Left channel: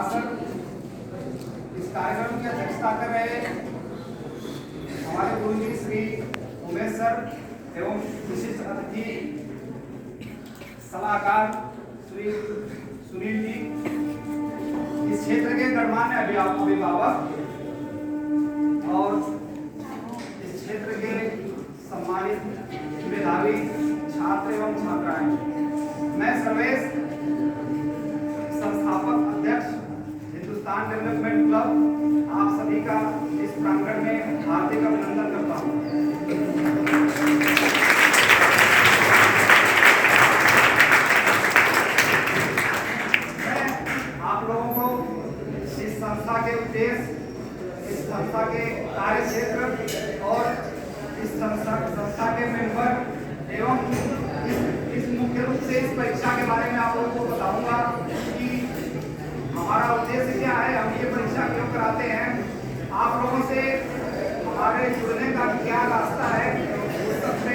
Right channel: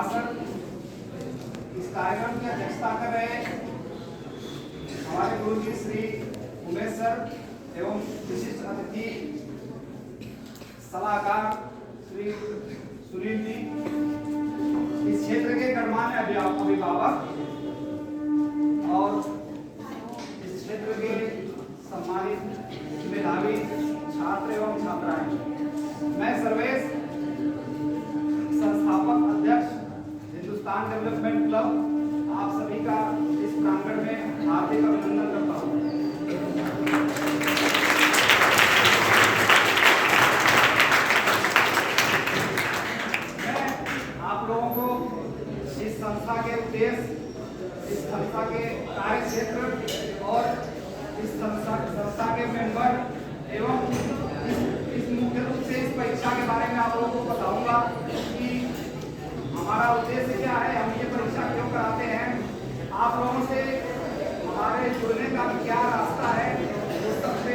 नमस्कार सर। इस कार्यक्रम की अध्यक्षता कर रहे हमारे गुरुजी श्री उमेश सर एवं विशिष्ट अतिथि सलाहकार श्री सुनील जी, इस क्षेत्र के गणमान्य अभिभावक और इस क्षेत्र के सम्मानित मेधावी छात्र एवं छात्राएं, मैं सर्वेश संस्थापक अध्यक्ष हिंदुस्तान डेवलपमेंट क्लब आप सभी का इस प्रांगण में हार्दिक अभिनंदन करता हूं। मैं आप लोगों को इस संस्था के उद्देश्य, इस संस्था के कार्य क्षेत्र और इस संस्था के मेंबर एवं इस मुख्य रूप से इस परीक्षा के बारे में आप लोगों को बताऊंगा कि हमारा उद्देश्य क्या है, हम ये परीक्षा क्यों कराते हैं, आप लोगों से हमारे जुड़ने का क्या रास्ता है, उस सब से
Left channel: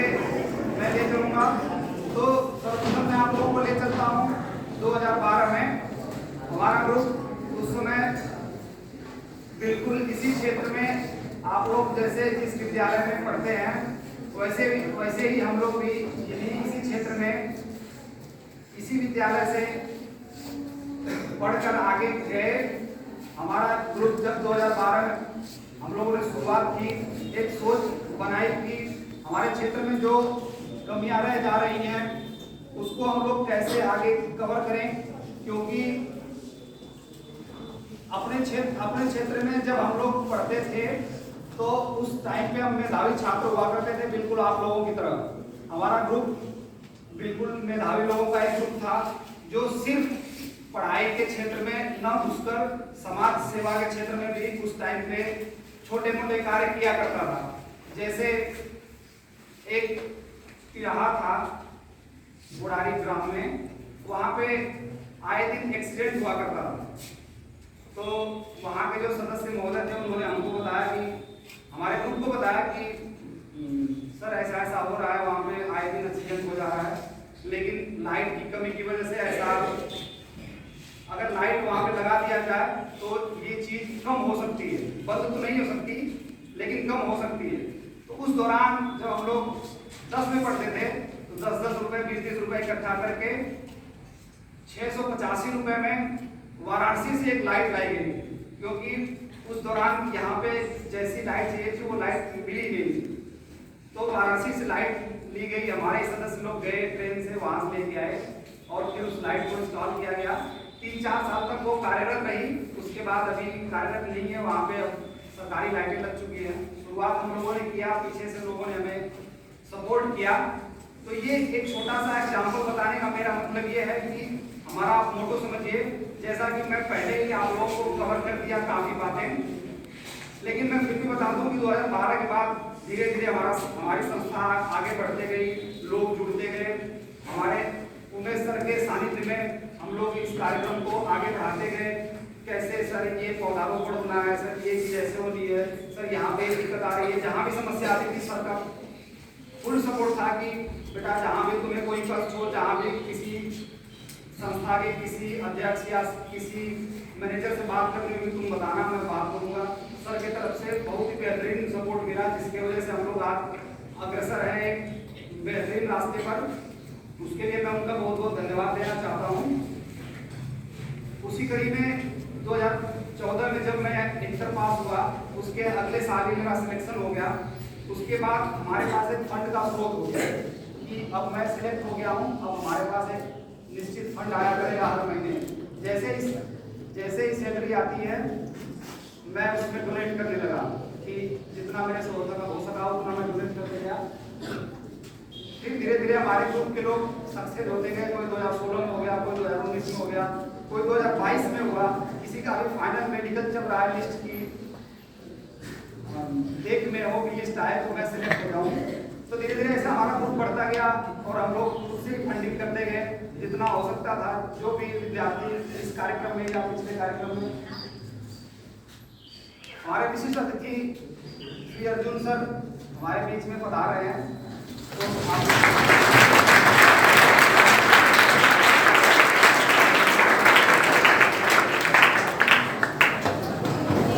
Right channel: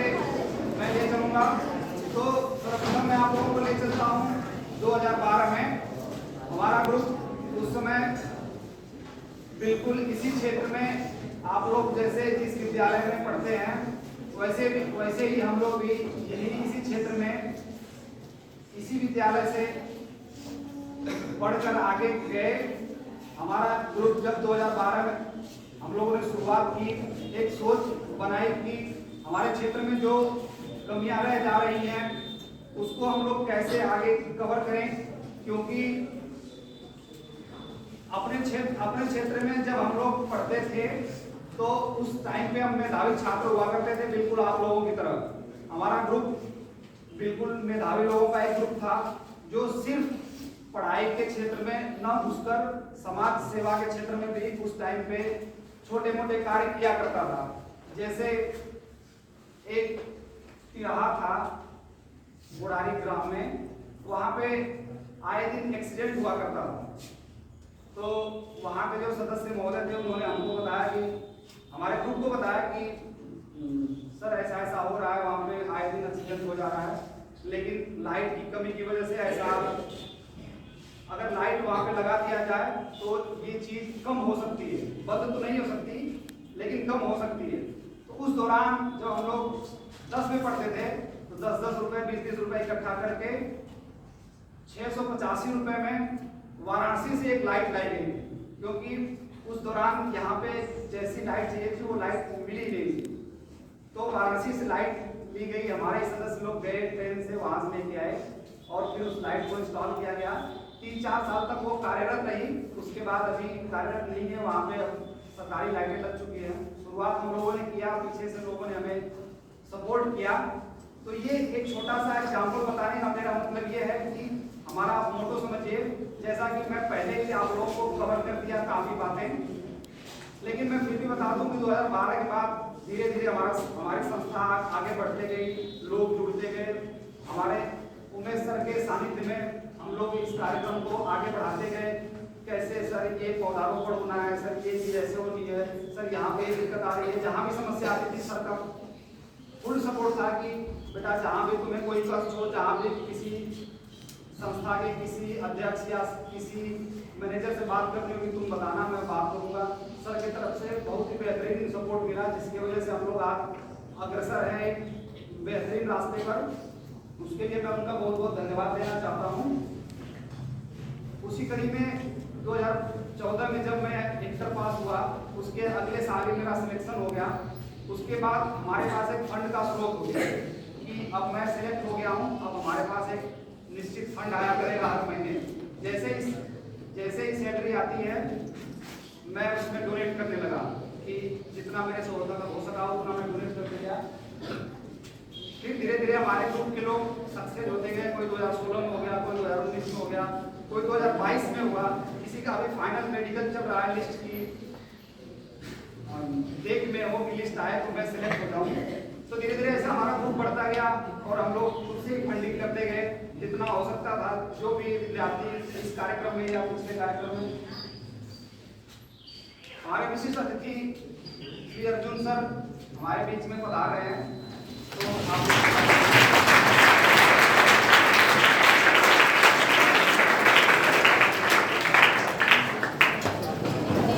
मैं ले चलूंगा। तो सर्वप्रथम मैं आप लोगों को ले चलता हूँ 2012 में हमारा ग्रुप उस समय बिल्कुल इसी क्षेत्र में, आप लोग जैसे जिस विद्यालय में पढ़ते हैं वैसे ही हम लोग भी यही इसी क्षेत्र में इसी विद्यालय से पढ़कर आगे गए। हमारा ग्रुप जब 2012 में हम लोगों ने शुरुआत की, एक सोच बनाई कि हमारे क्षेत्र में जो कमियां रह जा रही हैं उसको हम लोग कैसे आगे कवर करें, क्योंकि अपने क्षेत्र में जब हम लोग पढ़ते थे तो उस टाइम पे हम मेधावी छात्र हुआ करते थे, बिल्कुल आप लोगों की तरह। हमारा ग्रुप बिल्कुल मेधावी लोगों का एक ग्रुप था जो सिर्फ पढ़ाई के क्षेत्र में न घुसकर समाज सेवा के क्षेत्र में भी उस टाइम पे छोटे मोटे कार्य किया करता था। जैसे एक यहाँ था बुढ़ारी ग्राम में, वहाँ पे आए दिन एक्सीडेंट हुआ करता था। तो वहाँ के जो सदस्य महोदय थे उन्होंने हमको बताया कि हमारे ग्रुप को बताया कि सर ऐसा ऐसा हो रहा है, वहाँ पे आए दिन एक्सीडेंट हो जा रहा है, लेकिन लाइट की कमी की वजह से ऐसा, अगर लाइट वहाँ पे लगा दिया जाए तो ये चीज कम हो सकती है, बंद तो नहीं हो सकती लेकिन कम हो सकती है। तो उस दौरान जब हम लोग 10 में पढ़ते थे तो 10-10 रुपए 20-20 रुपए इकट्ठा करके 685 रुपए में वाराणसी से एक लाइट लाई गई, क्योंकि उस दौरान यहाँ पे जैसी लाइट चाहिए थी वो लाइट मिली नहीं। तो वाराणसी से लाइट ली गई, हमारे सदस्य लोग गए ट्रेन से, वहां से लेके आए और फिर उस लाइट को इंस्टॉल किया गया। 3-4 साल तक वो कार्यरत रही, उसके बाद अभी कार्यरत नहीं है, वहाँ पे सरकारी लाइटें लग चुकी हैं। शुरुआत हम लोगों ने किया, पीछे से लोगों ने हमें सपोर्ट किया। तो ये एक छोटा सा एग्जाम्पल बताने का मेरा मतलब ये है कि हमारा आप मोटो समझिए, जैसा कि मैं पहले ही आप लोगों को कवर कर दिया काफी बातें, लेकिन मैं फिर भी बता दूं कि 2012 के बाद धीरे धीरे हमारी संस्था आगे बढ़ते गई, लोग जुड़ते गए। हमारे उमेश सर के सानिध्य में हम लोग इस कार्यक्रम को आगे बढ़ाते गए। कैसे सर ये पौधारोपण होना है, सर ये चीज ऐसे होनी है, सर यहाँ पे दिक्कत आ रही है, जहाँ भी समस्या आती थी सर का फुल सपोर्ट था कि बेटा जहाँ भी तुम्हें कोई कष्ट हो, जहाँ भी किसी संस्था के किसी अध्यक्ष या किसी मैनेजर से बात करनी होगी तुम बताना, मैं बात करूंगा। सर की तरफ से बहुत ही बेहतरीन सपोर्ट मिला, जिसकी वजह से हम लोग आज अग्रसर हैं एक बेहतरीन रास्ते पर। उसके लिए मैं उनका बहुत बहुत धन्यवाद देना चाहता हूँ। उसी कड़ी में 2014 में जब मैं इंटर पास हुआ, उसके अगले साल ही मेरा सिलेक्शन हो गया। उसके बाद हमारे पास एक फंड का स्रोत हो गया कि अब मैं सिलेक्ट हो गया हूँ, अब हमारे पास एक निश्चित फंड आया करेगा हर महीने। जैसे ही सैलरी आती है मैं उसमें डोनेट करने लगा कि जितना मेरे से हो सका उतना मैं डोनेट करते गया। फिर धीरे धीरे हमारे ग्रुप के लोग सक्सेस होते गए, कोई 2016 में हो गया, कोई 2019 में हो गया, कोई 2022 में हुआ, किसी का अभी फाइनल मेडिकल चल रहा है, लिस्ट की देख में हो कि लिस्ट आए तो मैं सिलेक्ट हो जाऊँ। तो धीरे धीरे ऐसा हमारा ग्रुप बढ़ता गया और हम लोग उसी फंडिंग करते गए जितना हो सकता था। जो भी विद्यार्थी इस कार्यक्रम में या पिछले कार्यक्रम में, हमारे विशिष्ट अतिथि श्री अर्जुन सर हमारे बीच में पधार रहे हैं, तो आप